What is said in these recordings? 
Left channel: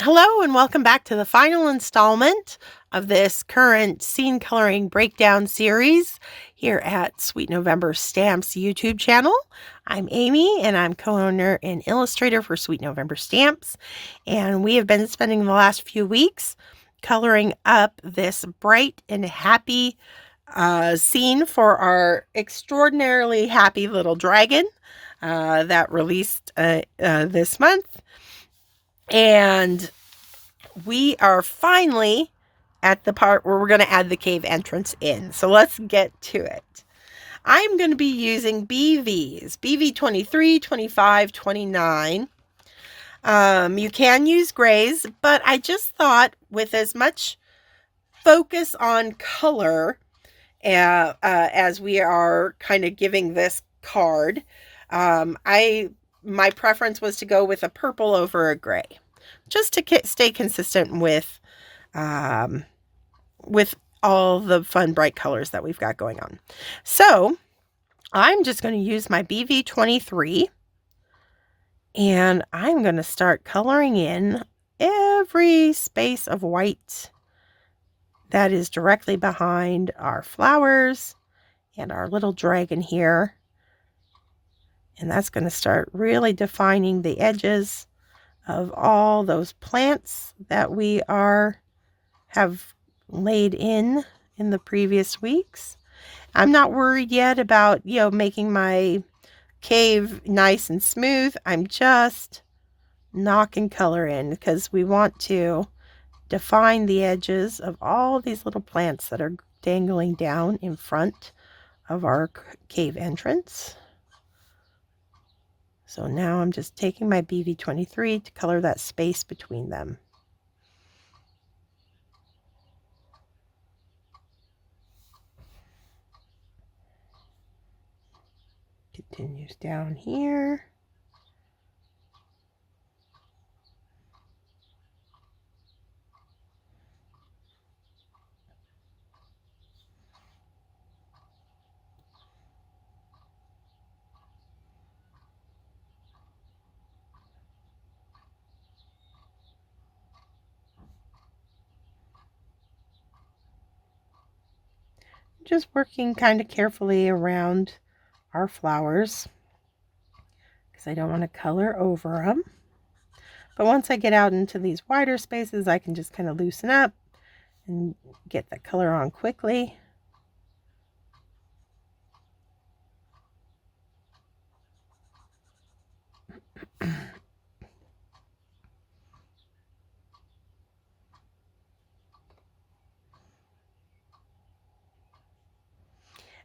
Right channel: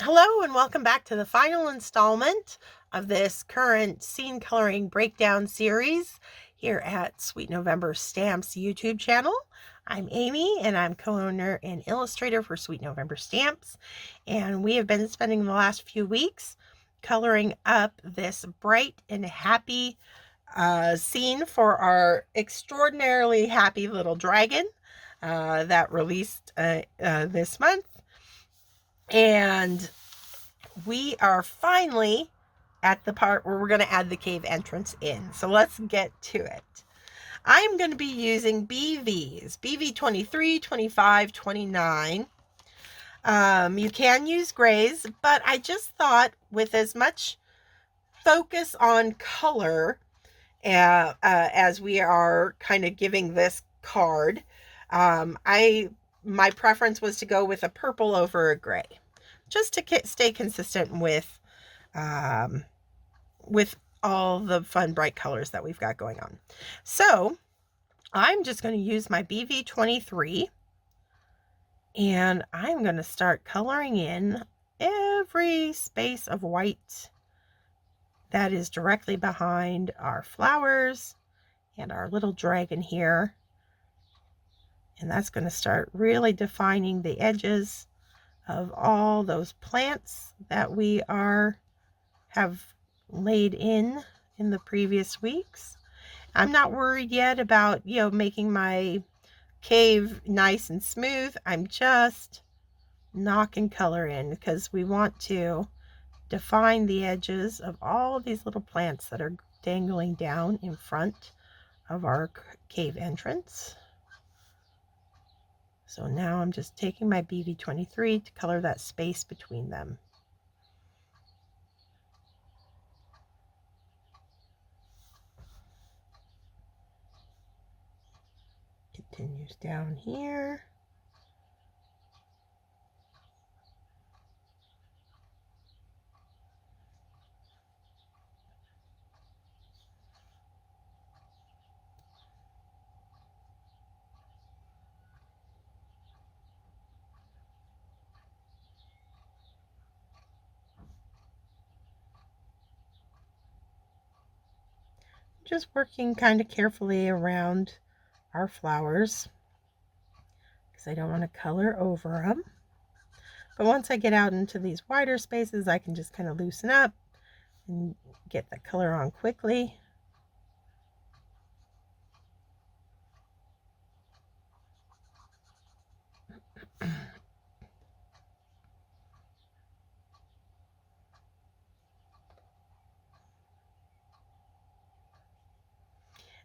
Hello and welcome back to the final installment of this current scene coloring breakdown series here at Sweet November Stamps YouTube channel. I'm Amy and I'm co-owner and illustrator for Sweet November Stamps, and we have been spending the last few weeks coloring up this bright and happy scene for our extraordinarily happy little dragon that released this month. And we are finally at the part where we're going to add the cave entrance in. So let's get to it. I'm going to be using BVs, BV 23, 25, 29. You can use grays, but I just thought with as much focus on color as we are kind of giving this card, my preference was to go with a purple over a gray, just to stay consistent with all the fun bright colors that we've got going on. So I'm just going to use my BV 23 and I'm going to start coloring in every space of white that is directly behind our flowers and our little dragon here. And that's going to start really defining the edges of all those plants that we have laid in the previous weeks. I'm not worried yet about, making my cave nice and smooth. I'm just knocking color in because we want to define the edges of all these little plants that are dangling down in front of our cave entrance. So now I'm just taking my BV 23 to color that space between them. Continues down here. Just working kind of carefully around our flowers because I don't want to color over them. But once I get out into these wider spaces, I can just kind of loosen up and get the color on quickly.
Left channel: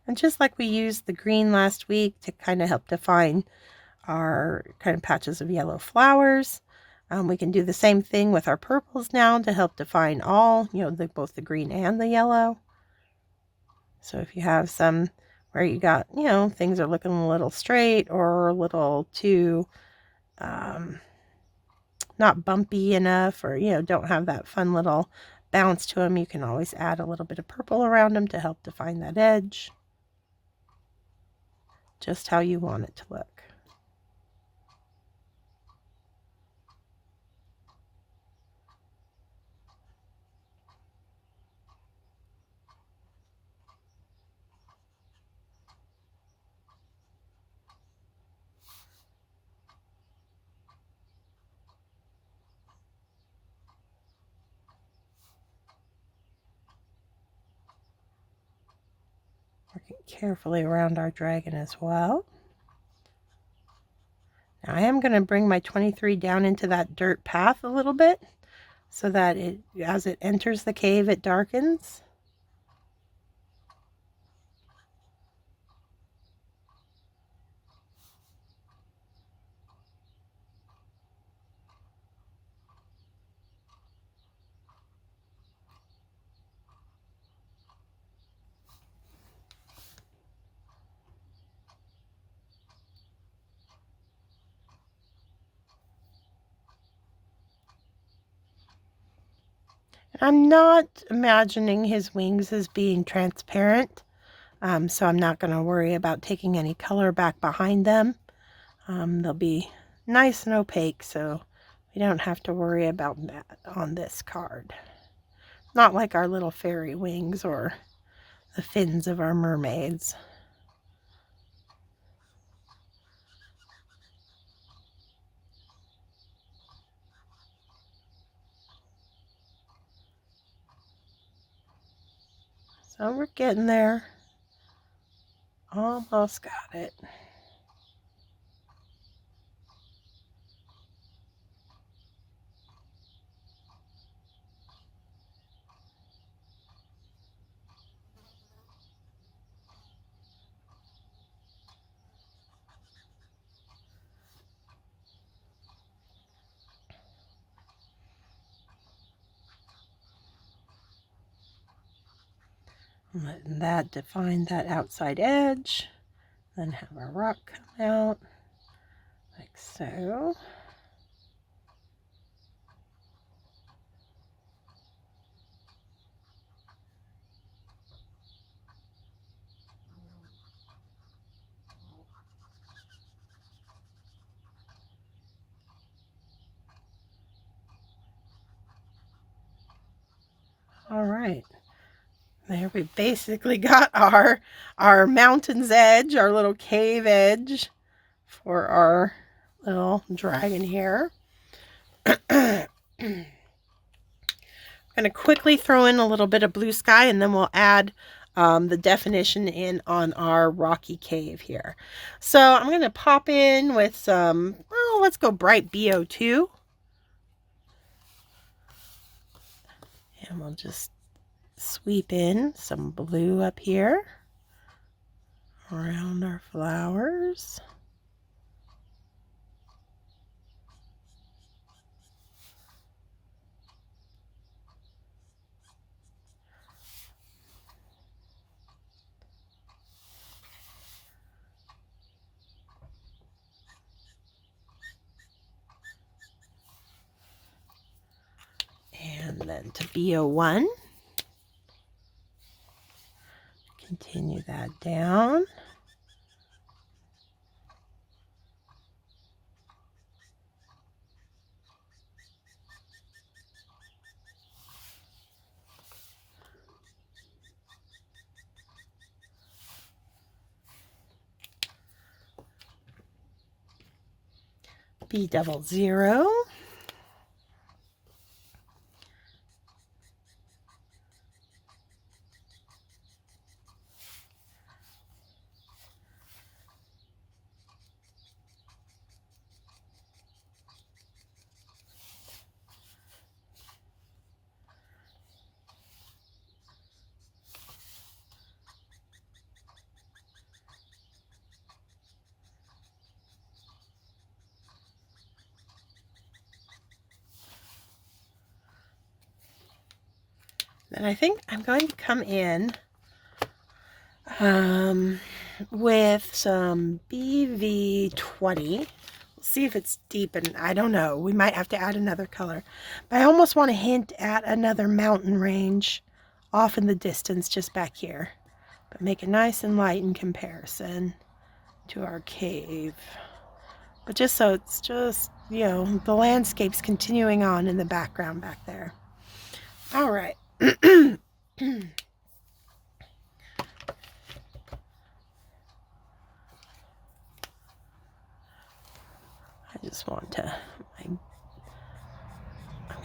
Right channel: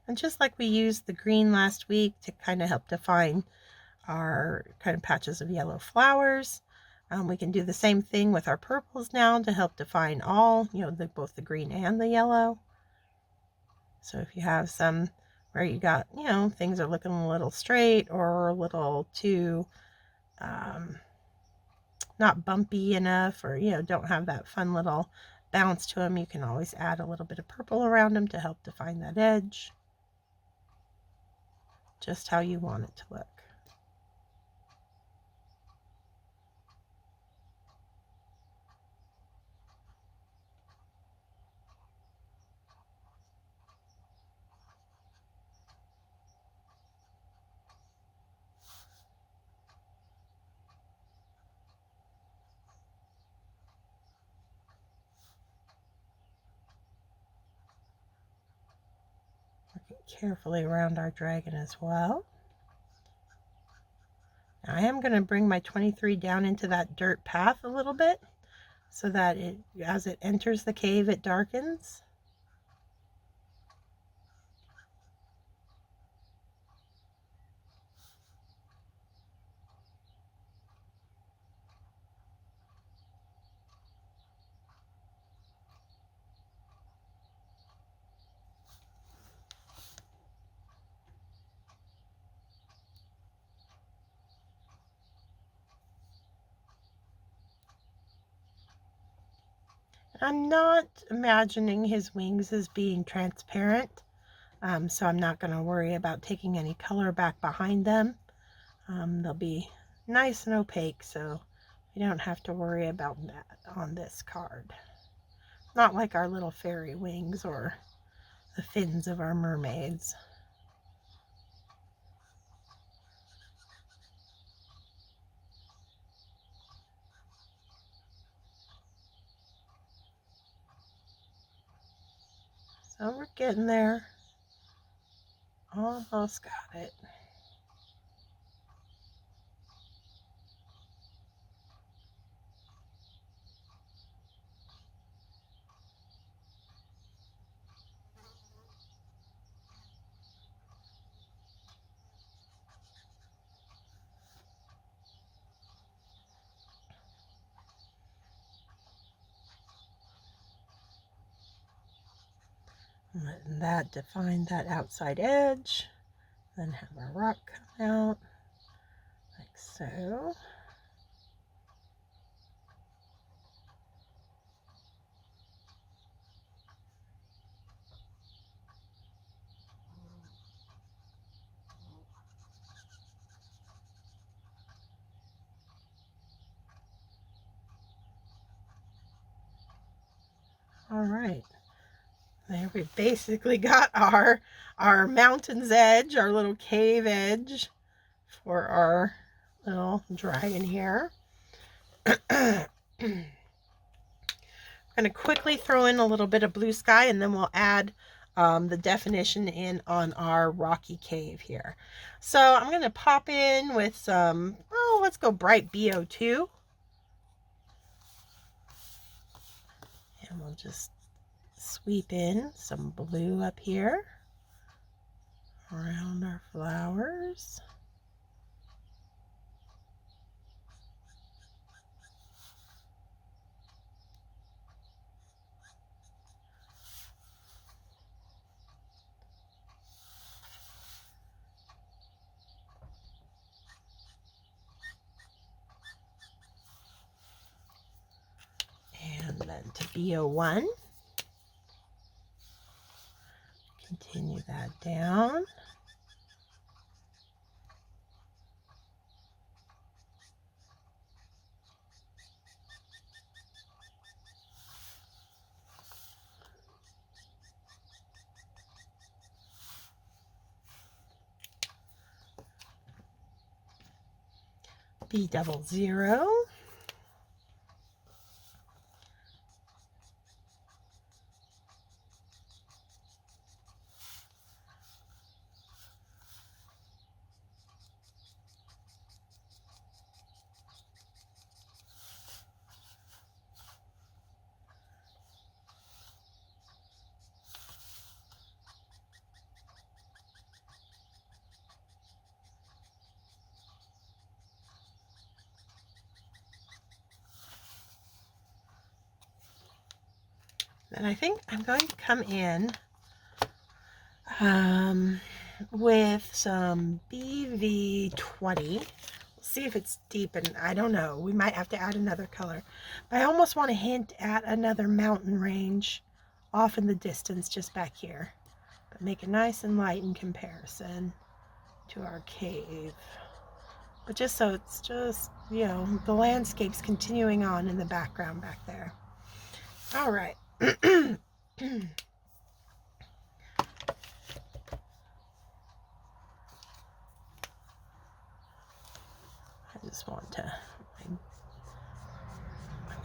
And just like we used the green last week to kind of help define our kind of patches of yellow flowers, we can do the same thing with our purples now to help define all, both the green and the yellow. So if you have some where you got, things are looking a little straight or a little too not bumpy enough, or, don't have that fun little bounce to them, you can always add a little bit of purple around them to help define that edge just how you want it to look. Working carefully around our dragon as well. Now I am going to bring my 23 down into that dirt path a little bit so that as it enters the cave, it darkens. I'm not imagining his wings as being transparent, so I'm not going to worry about taking any color back behind them. They'll be nice and opaque, so We don't have to worry about that on this card. Not like our little fairy wings or the fins of our mermaids. So we're getting there. Almost got it. Letting that define that outside edge. Then have our rock come out like so. All right. There we basically got our mountain's edge, our little cave edge for our little dragon here. I'm going to quickly throw in a little bit of blue sky, and then we'll add the definition in on our rocky cave here. So I'm going to pop in with some, oh, let's go bright BO2. And we'll just sweep in some blue up here around our flowers. And then to BO1. Continue that down. B00. And I think I'm going to come in with some BV20. See if it's deep, and I don't know. We might have to add another color. But I almost want to hint at another mountain range off in the distance just back here. But make it nice and light in comparison to our cave. But just so it's just, you know, the landscape's continuing on in the background back there. All right. I just want to, I'm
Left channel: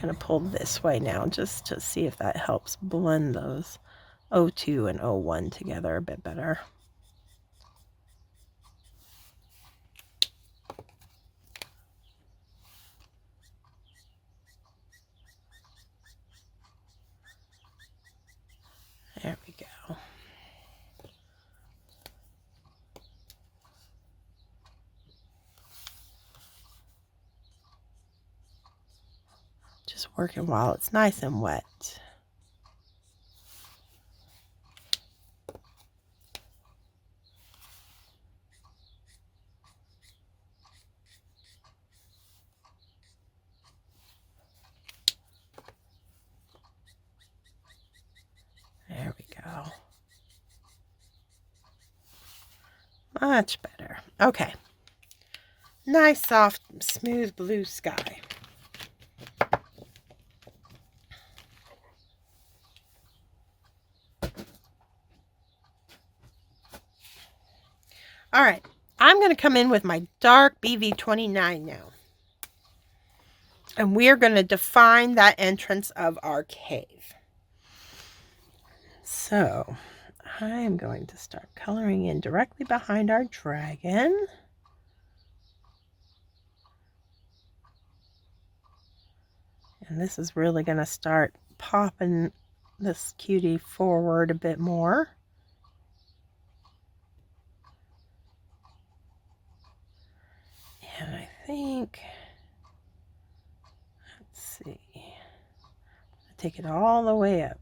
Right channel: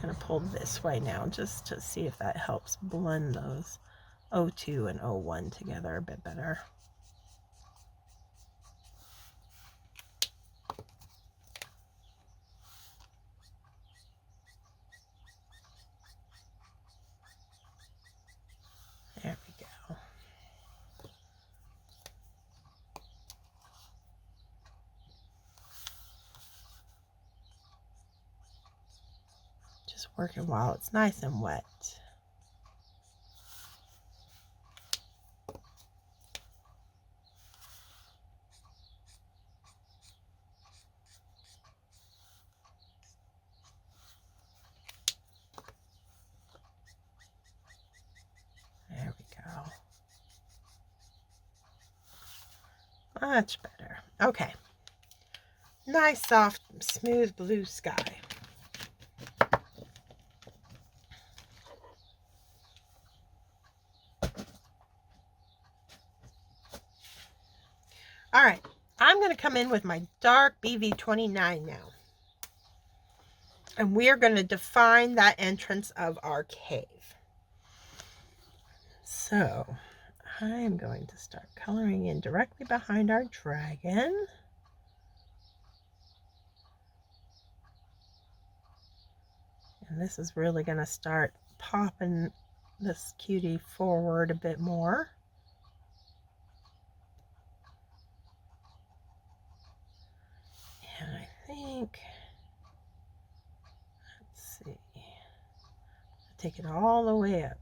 going to pull this way now just to see if that helps blend those O2 and O1 together a bit better. There we go. Just working while it's nice and wet. There we go. Much better. Okay. Nice, soft, smooth blue sky. All right, I'm going to come in with my dark BV29 now. And we're going to define that entrance of our cave. So I'm going to start coloring in directly behind our dragon. And this is really going to start popping this cutie forward a bit more. And I think, let's see, take it all the way up.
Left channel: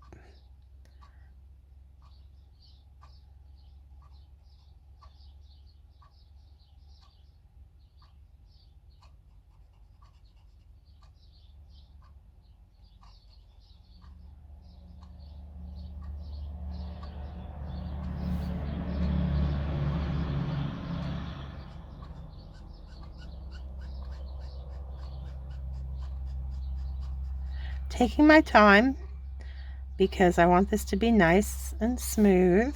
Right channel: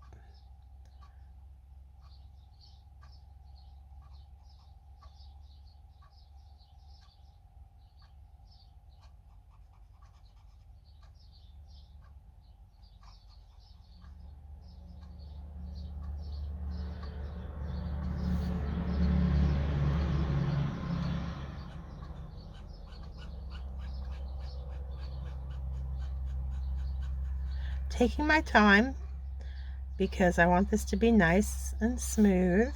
Taking my time because I want this to be nice and smooth.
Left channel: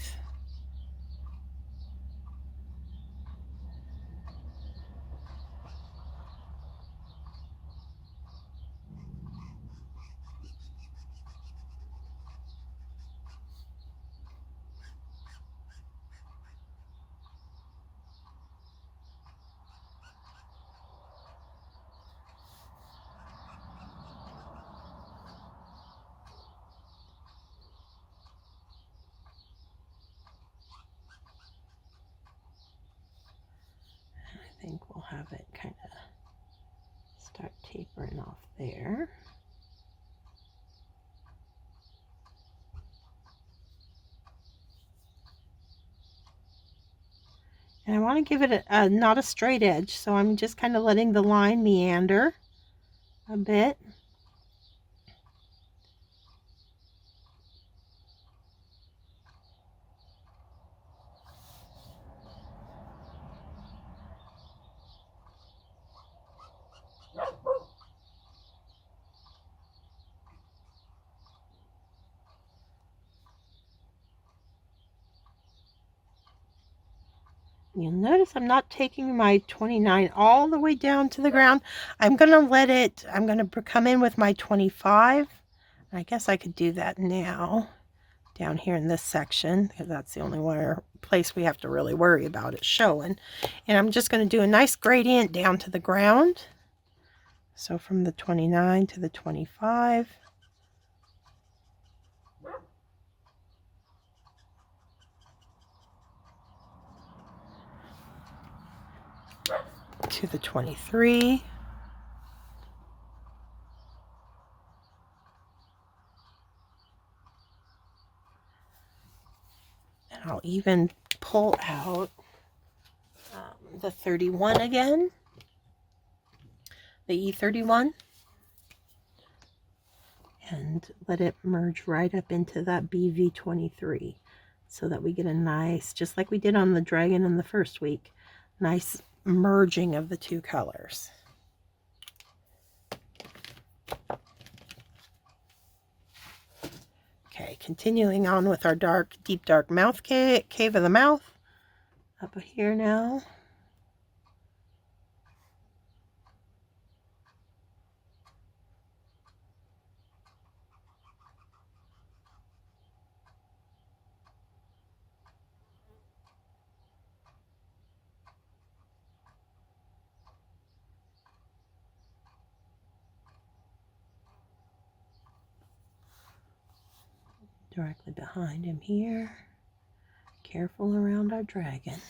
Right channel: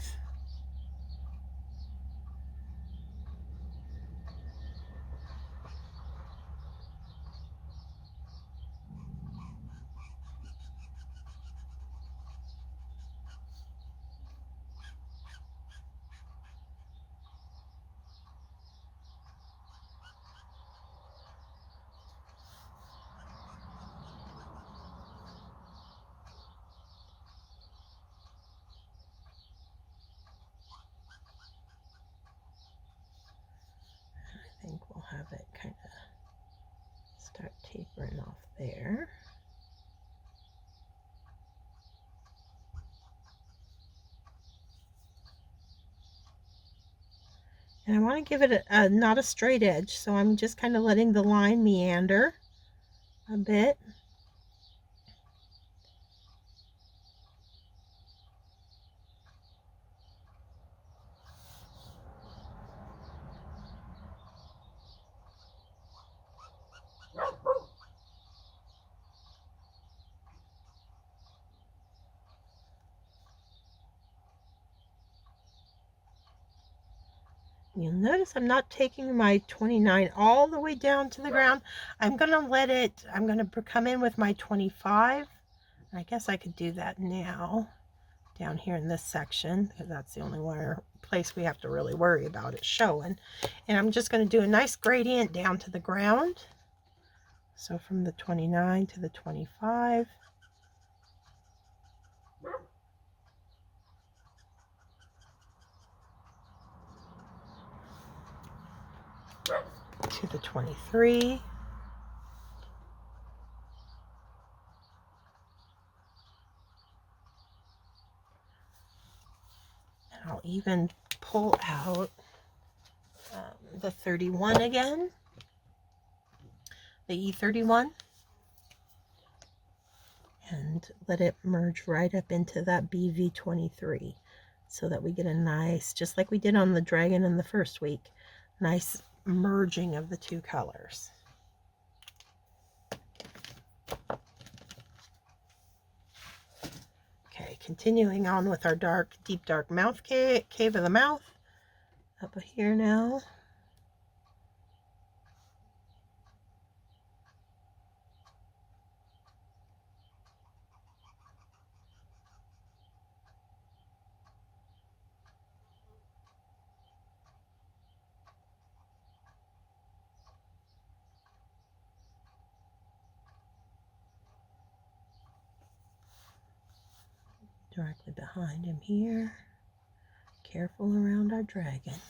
I think we'll have it kind of start tapering off there. And I want to give it not a straight edge, so I'm just kind of letting the line meander a bit. You'll notice I'm not taking my 29 all the way down to the ground. I'm going to let it, I'm going to come in with my 25. I guess I could do that now down here in this section because that's the only place we have to really worry about it showing. And I'm just going to do a nice gradient down to the ground. So from the 29 to the 25. To the 23. And I'll even pull out the 31 again, the E31, and let it merge right up into that BV23 so that we get a nice, just like we did on the dragon in the first week, nice merging of the two colors. Okay, continuing on with our deep dark mouth cave of the mouth up here now. Directly behind him here. Careful around our dragon.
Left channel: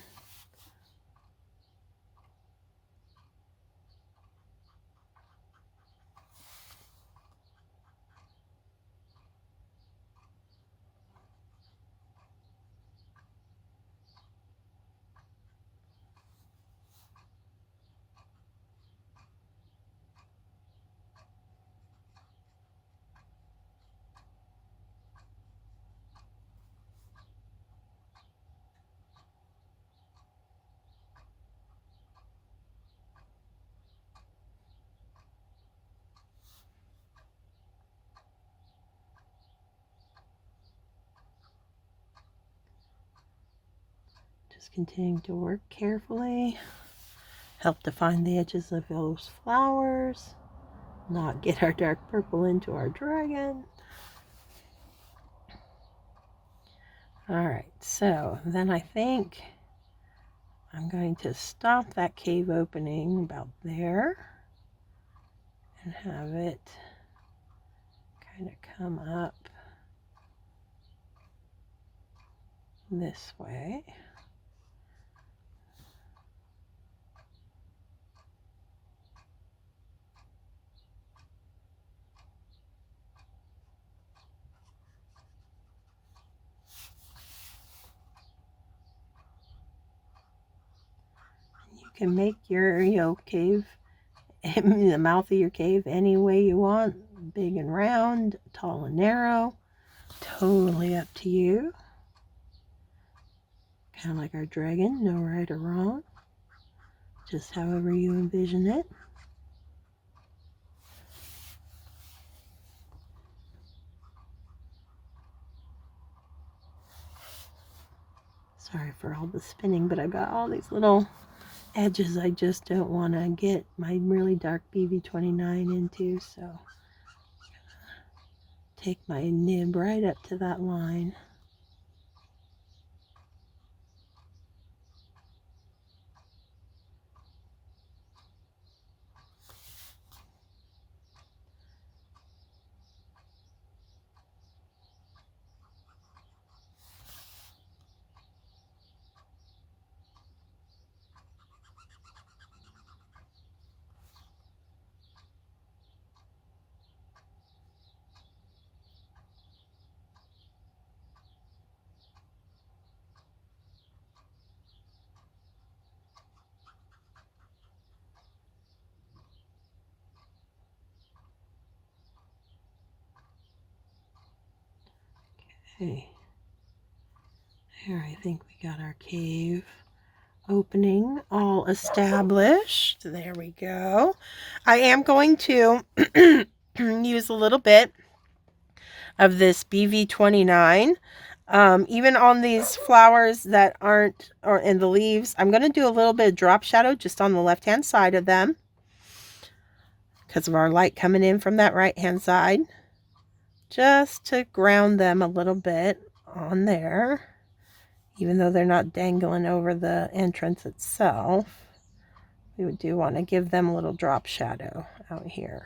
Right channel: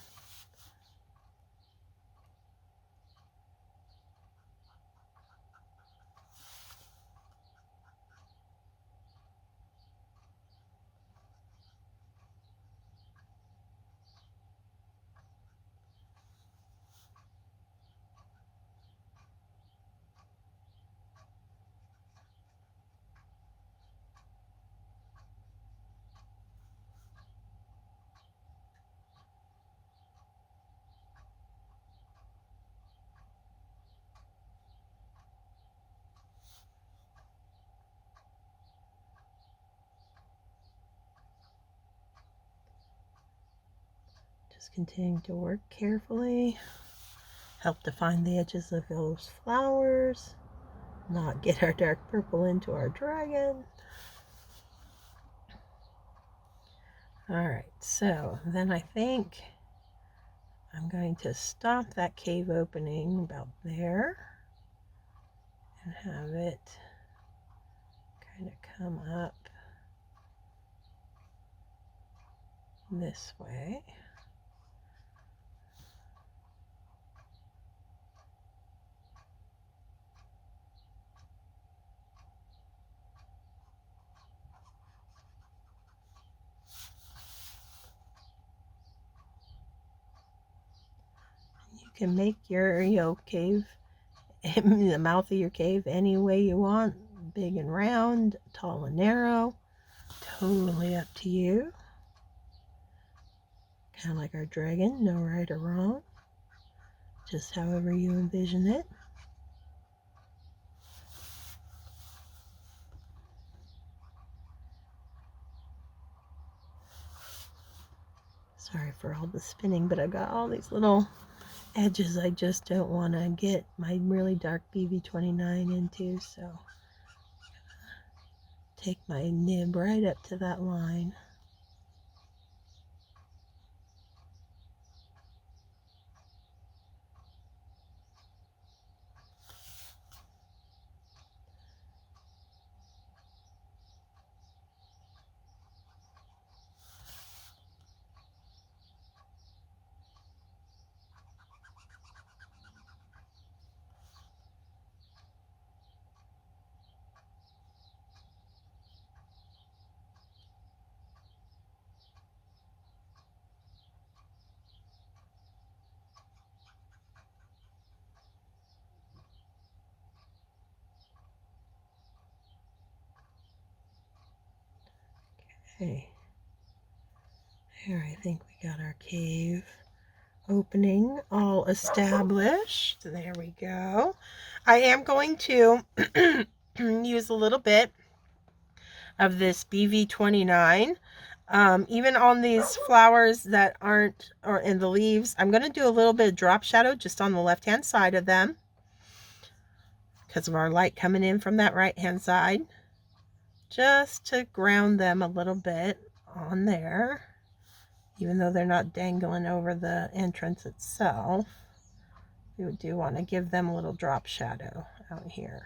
Just continuing to work carefully. Help define the edges of those flowers. Not get our dark purple into our dragon. Alright, so then I think I'm going to stop that cave opening about there and have it kind of come up this way. You can make your cave, the mouth of your cave, any way you want. Big and round, tall and narrow. Totally up to you. Kind of like our dragon, no right or wrong. Just however you envision it. Sorry for all the spinning, but I got all these little edges I just don't want to get my really dark BV29 into, so take my nib right up to that line. Okay, here I think we got our cave opening all established. There we go. I am going to use a little bit of this BV29. Even on these flowers that aren't, or in the leaves, I'm going to do a little bit of drop shadow just on the left hand side of them because of our light coming in from that right hand side, just to ground them a little bit on there, even though they're not dangling over the entrance itself. We do want to give them a little drop shadow out here,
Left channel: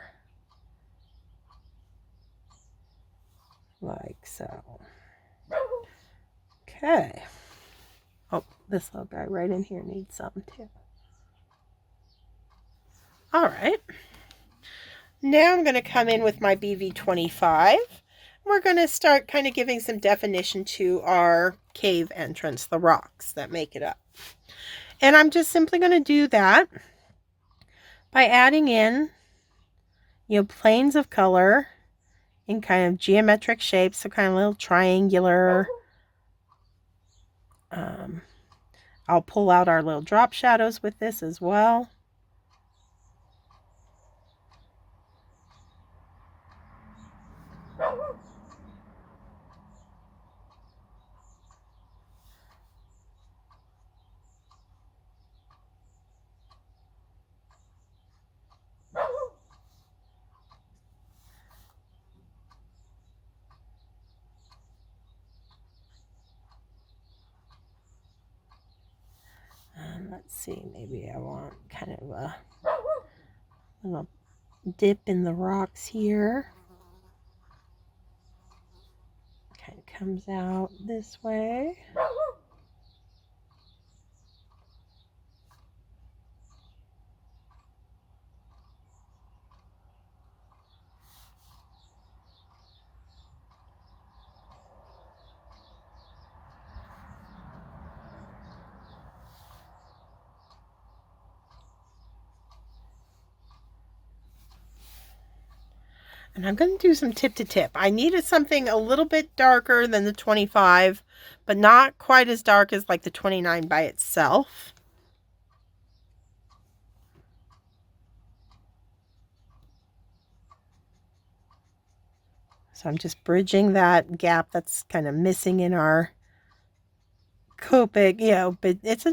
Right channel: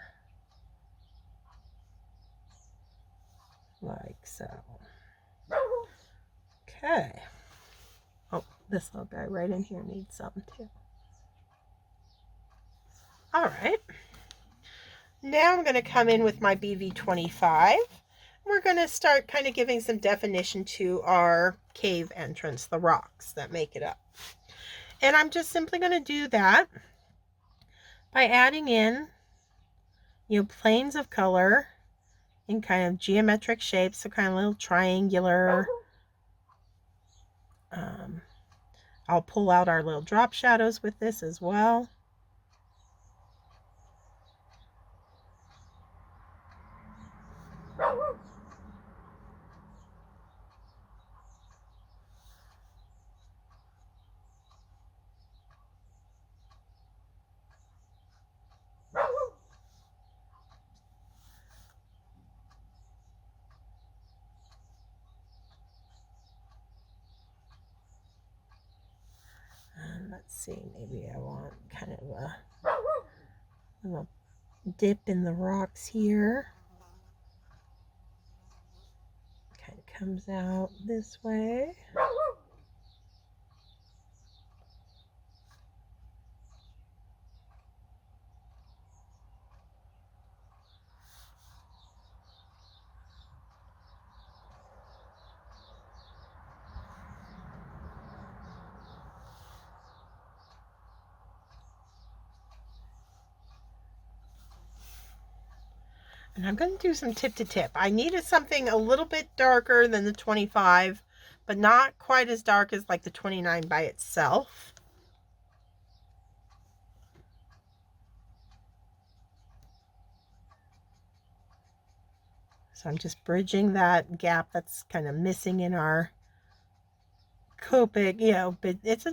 like so. Okay. Oh, this little guy right in here needs something too. All right. Now I'm going to come in with my BV25. We're going to start kind of giving some definition to our cave entrance, the rocks that make it up. And I'm just simply going to do that by adding in, planes of color in kind of geometric shapes, so kind of little triangular. I'll pull out our little drop shadows with this as well. Let's see, maybe I want kind of a little dip in the rocks here. Kind of comes out this way. And I'm going to do some tip to tip. I needed something a little bit darker than the 25, but not quite as dark as like the 29 by itself. So I'm just bridging that gap that's kind of missing in our Copic, but it's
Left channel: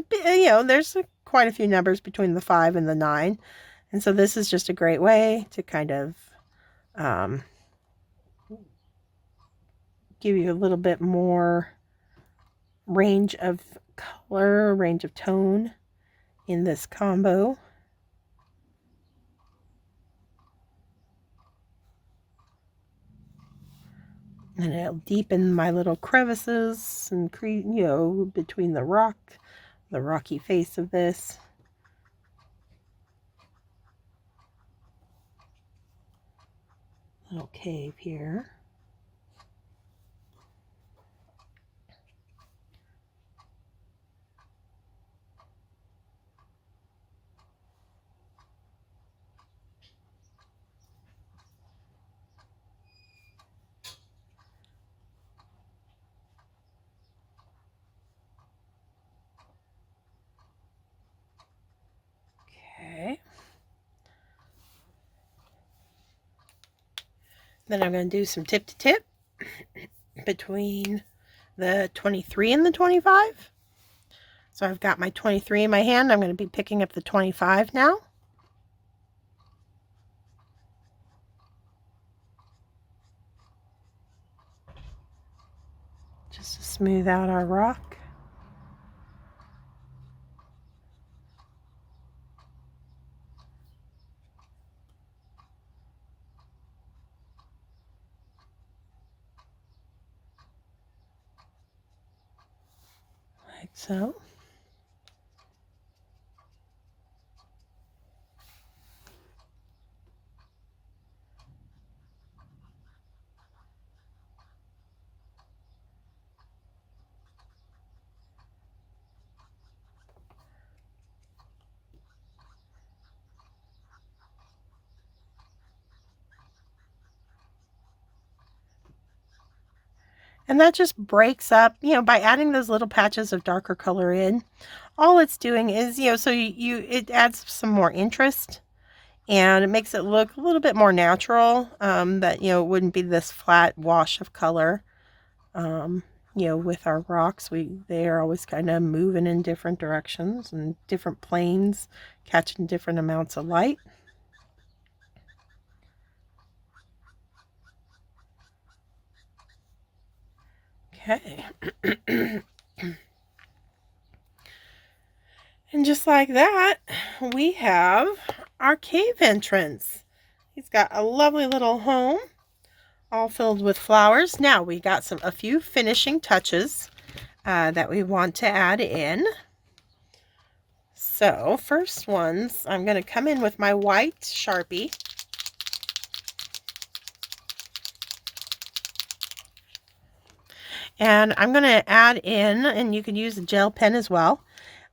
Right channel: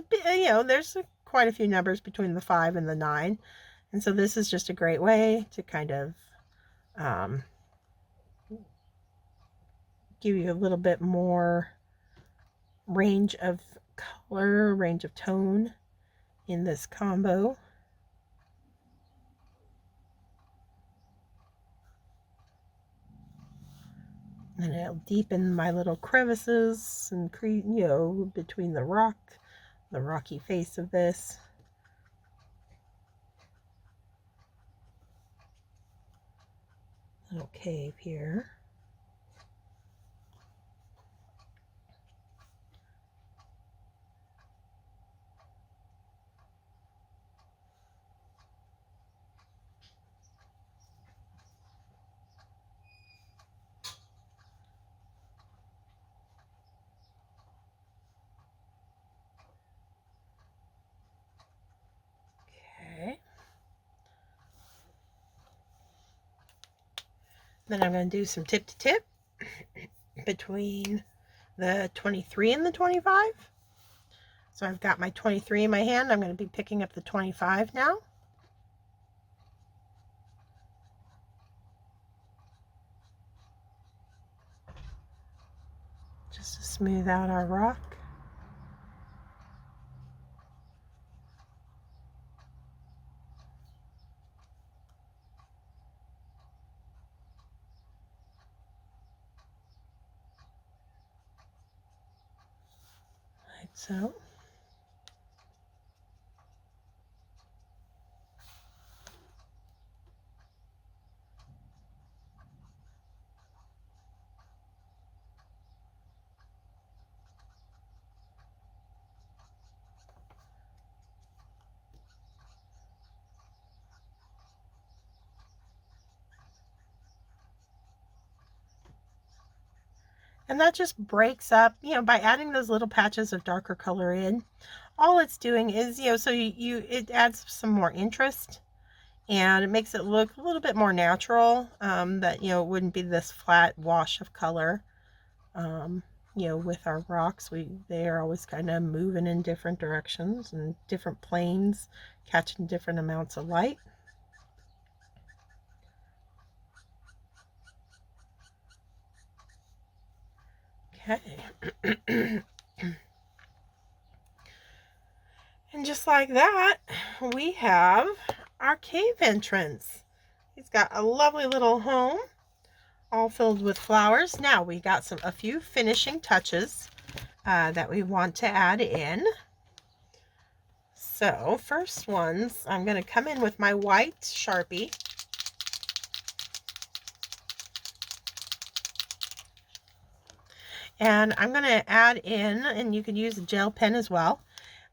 there's quite a few numbers between the 5 and the 9. And so this is just a great way to kind of give you a little bit more range of color, range of tone in this combo. And it'll deepen my little crevices and create, between the rocky face of this. Little cave here. Okay. Then I'm going to do some tip to tip between the 23 and the 25. So I've got my 23 in my hand. I'm going to be picking up the 25 now. Just to smooth out our rock. Like so. And that just breaks up, by adding those little patches of darker color in, all it's doing is, so it adds some more interest, and it makes it look a little bit more natural, that, it wouldn't be this flat wash of color. With our rocks, they are always kind of moving in different directions and different planes, catching different amounts of light. Okay. And just like that, we have our cave entrance. He's got a lovely little home, all filled with flowers. Now we got a few finishing touches that we want to add in. So first ones, I'm going to come in with my white Sharpie. And I'm going to add in, and you can use a gel pen as well,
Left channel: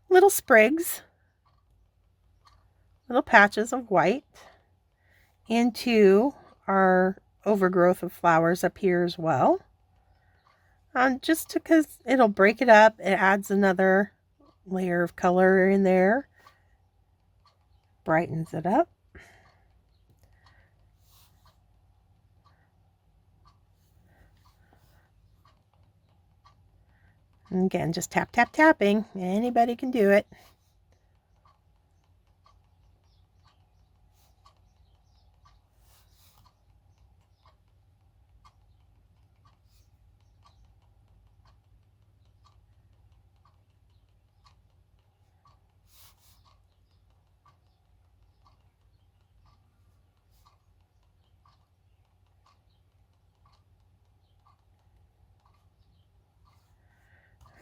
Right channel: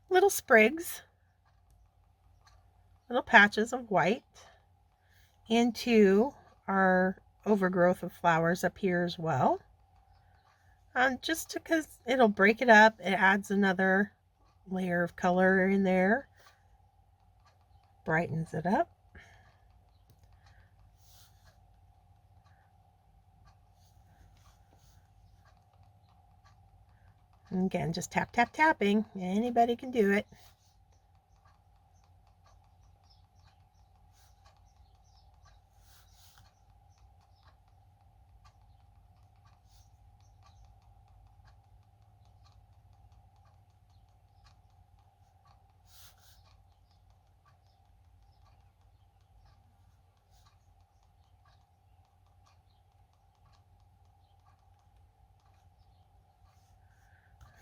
little sprigs, little patches of white into our overgrowth of flowers up here as well. Just because it'll break it up, it adds another layer of color in there, brightens it up. And again, just tap, tap, tapping. Anybody can do it.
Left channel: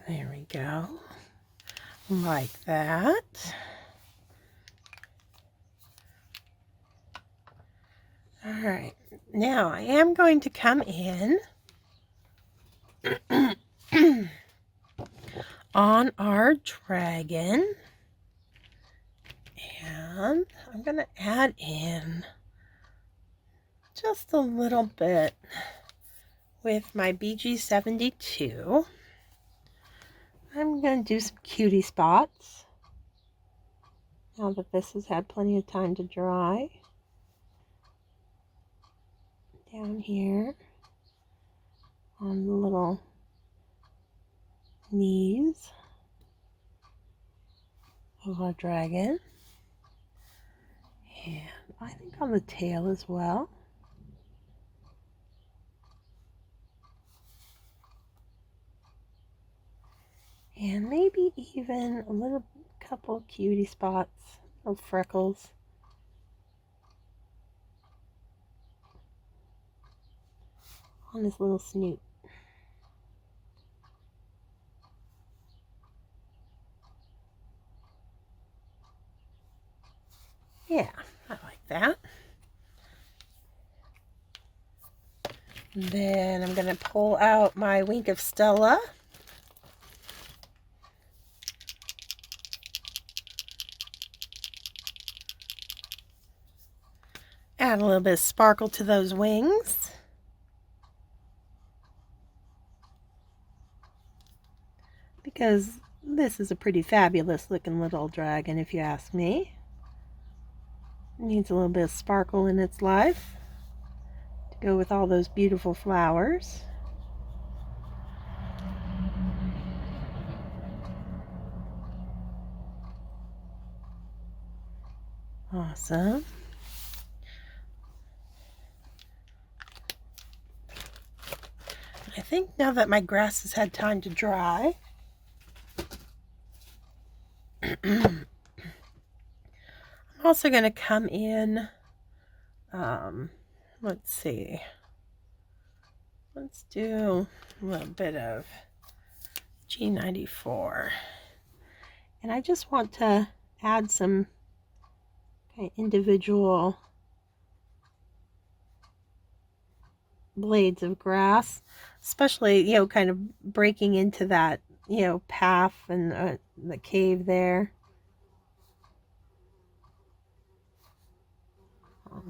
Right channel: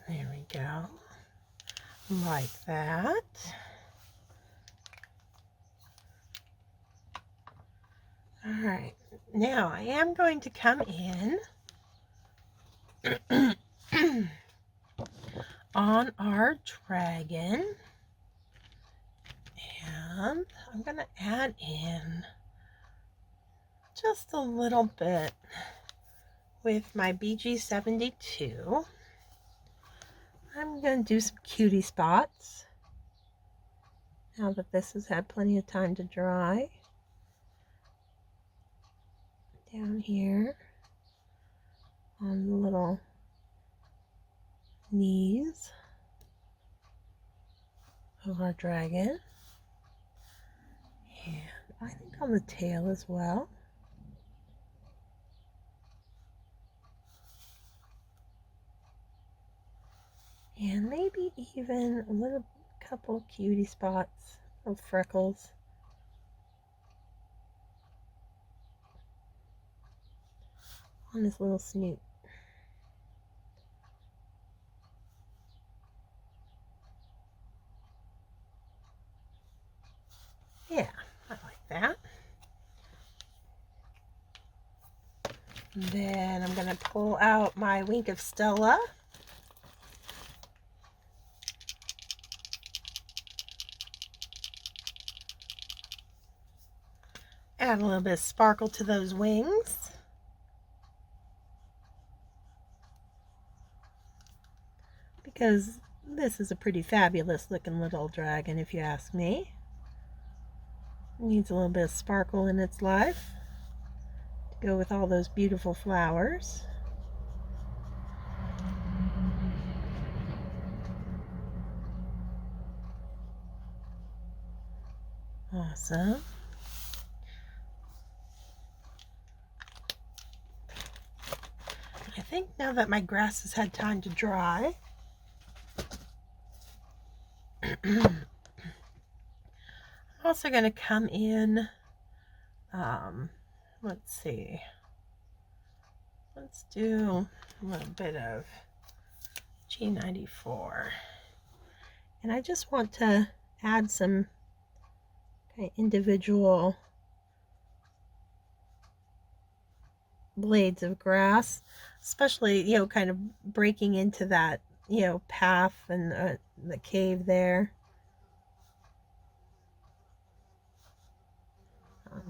There we go. Like that. All right. Now I am going to come in on our dragon. And I'm going to add in just a little bit with my BG72. I'm going to do some cutie spots now that this has had plenty of time to dry. Down here on the little knees. of our dragon. And I think on the tail as well. And maybe even a little couple cutie spots, little freckles. On his little snoot. Yeah, I like that. And then I'm going to pull out my Wink of Stella. Add a little bit of sparkle to those wings. Because this is a pretty fabulous looking little dragon, if you ask me. It needs a little bit of sparkle in its life to go with all those beautiful flowers. Awesome. I think now that my grass has had time to dry, I'm also going to come in, let's see, let's do a little bit of G94. And I just want to add some kind of individual blades of grass, especially, you know, kind of breaking into that, you know, path and the cave there.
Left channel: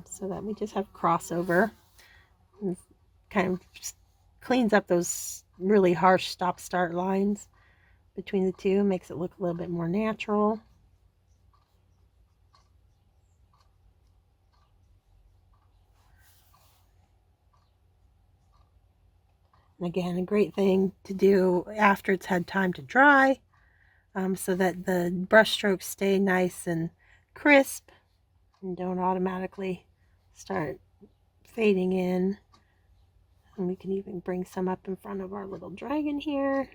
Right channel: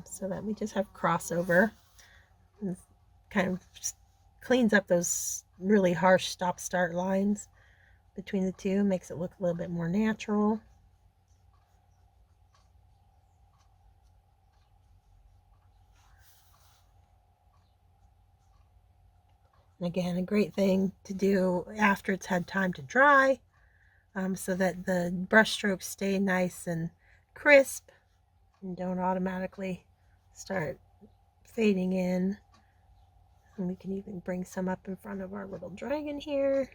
So that we just have crossover. And kind of just cleans up those really harsh stop-start lines between the two, makes it look a little bit more natural. And again, a great thing to do after it's had time to dry, so that the brush strokes stay nice and crisp and don't automatically start fading in. And we can even bring some up in front of our little dragon here.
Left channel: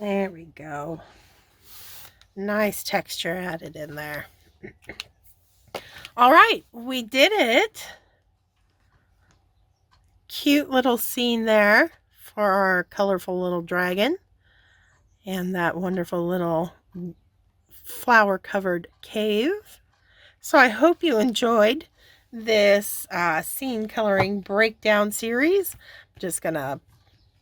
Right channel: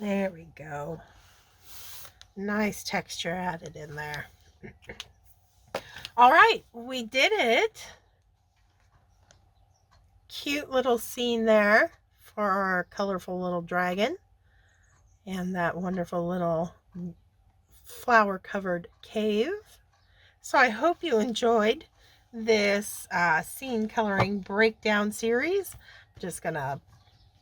There we go. Nice texture added in there. All right, we did it. Cute little scene there for our colorful little dragon and that wonderful little flower covered cave. So I hope you enjoyed this scene coloring breakdown series. I'm just gonna,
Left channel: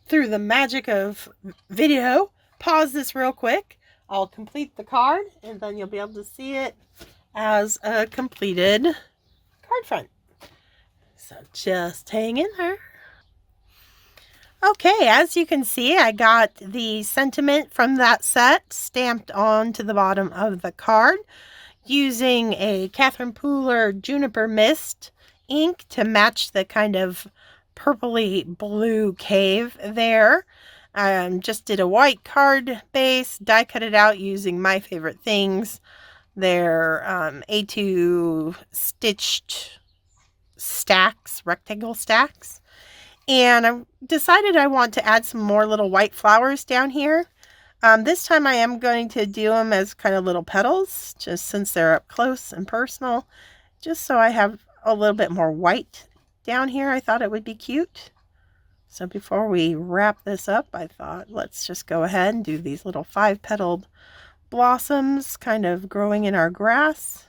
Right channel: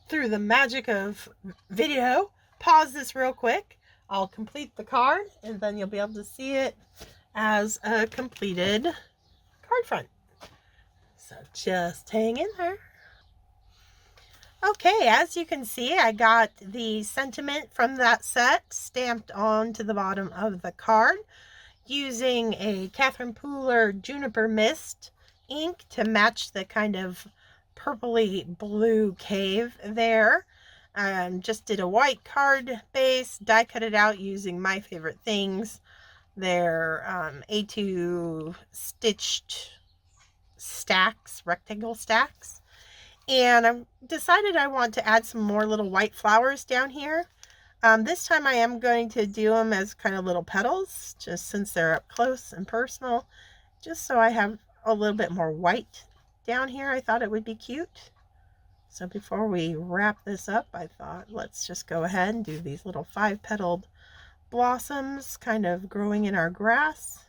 through the magic of video, pause this real quick. I'll complete the card and then you'll be able to see it as a completed card front. So just hang in there. Okay, as you can see, I got the sentiment from that set stamped onto the bottom of the card using a Catherine Pooler Juniper Mist ink to match the kind of purpley blue cave there. Just did a white card base, die cut it out using my favorite things. They're A2 stitched stacks, rectangle stacks. And I decided I want to add some more little white flowers down here. This time I am going to do them as kind of little petals, just since they're up close and personal, just so I have a little bit more white down here. I thought it would be cute. So before we wrap this up, I thought let's just go ahead and do these little 5-petaled blossoms kind of growing in our grass.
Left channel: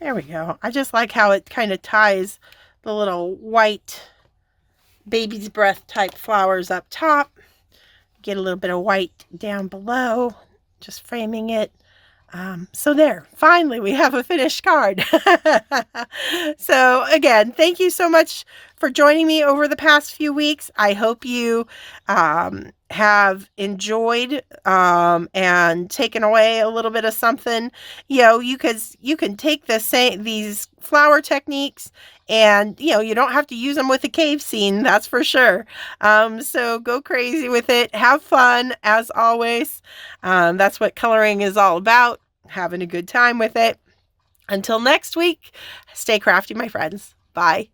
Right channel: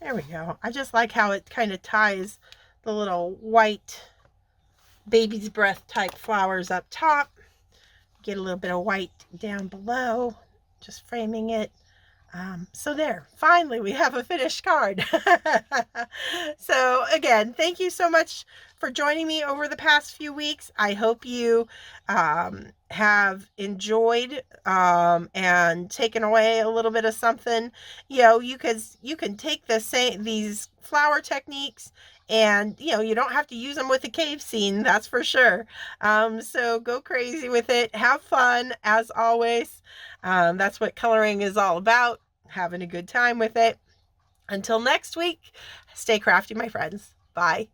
There we go. I just like how it kind of ties the little white baby's breath type flowers up top. Get a little bit of white down below, just framing it. So there, finally we have a finished card. So again, thank you so much for joining me over the past few weeks. I hope you have enjoyed and taken away a little bit of something. You know, you can take these flower techniques, and you don't have to use them with a cave scene, that's for sure. So go crazy with it, have fun as always. That's what coloring is all about, having a good time with it. Until next week, stay crafty, my friends. Bye.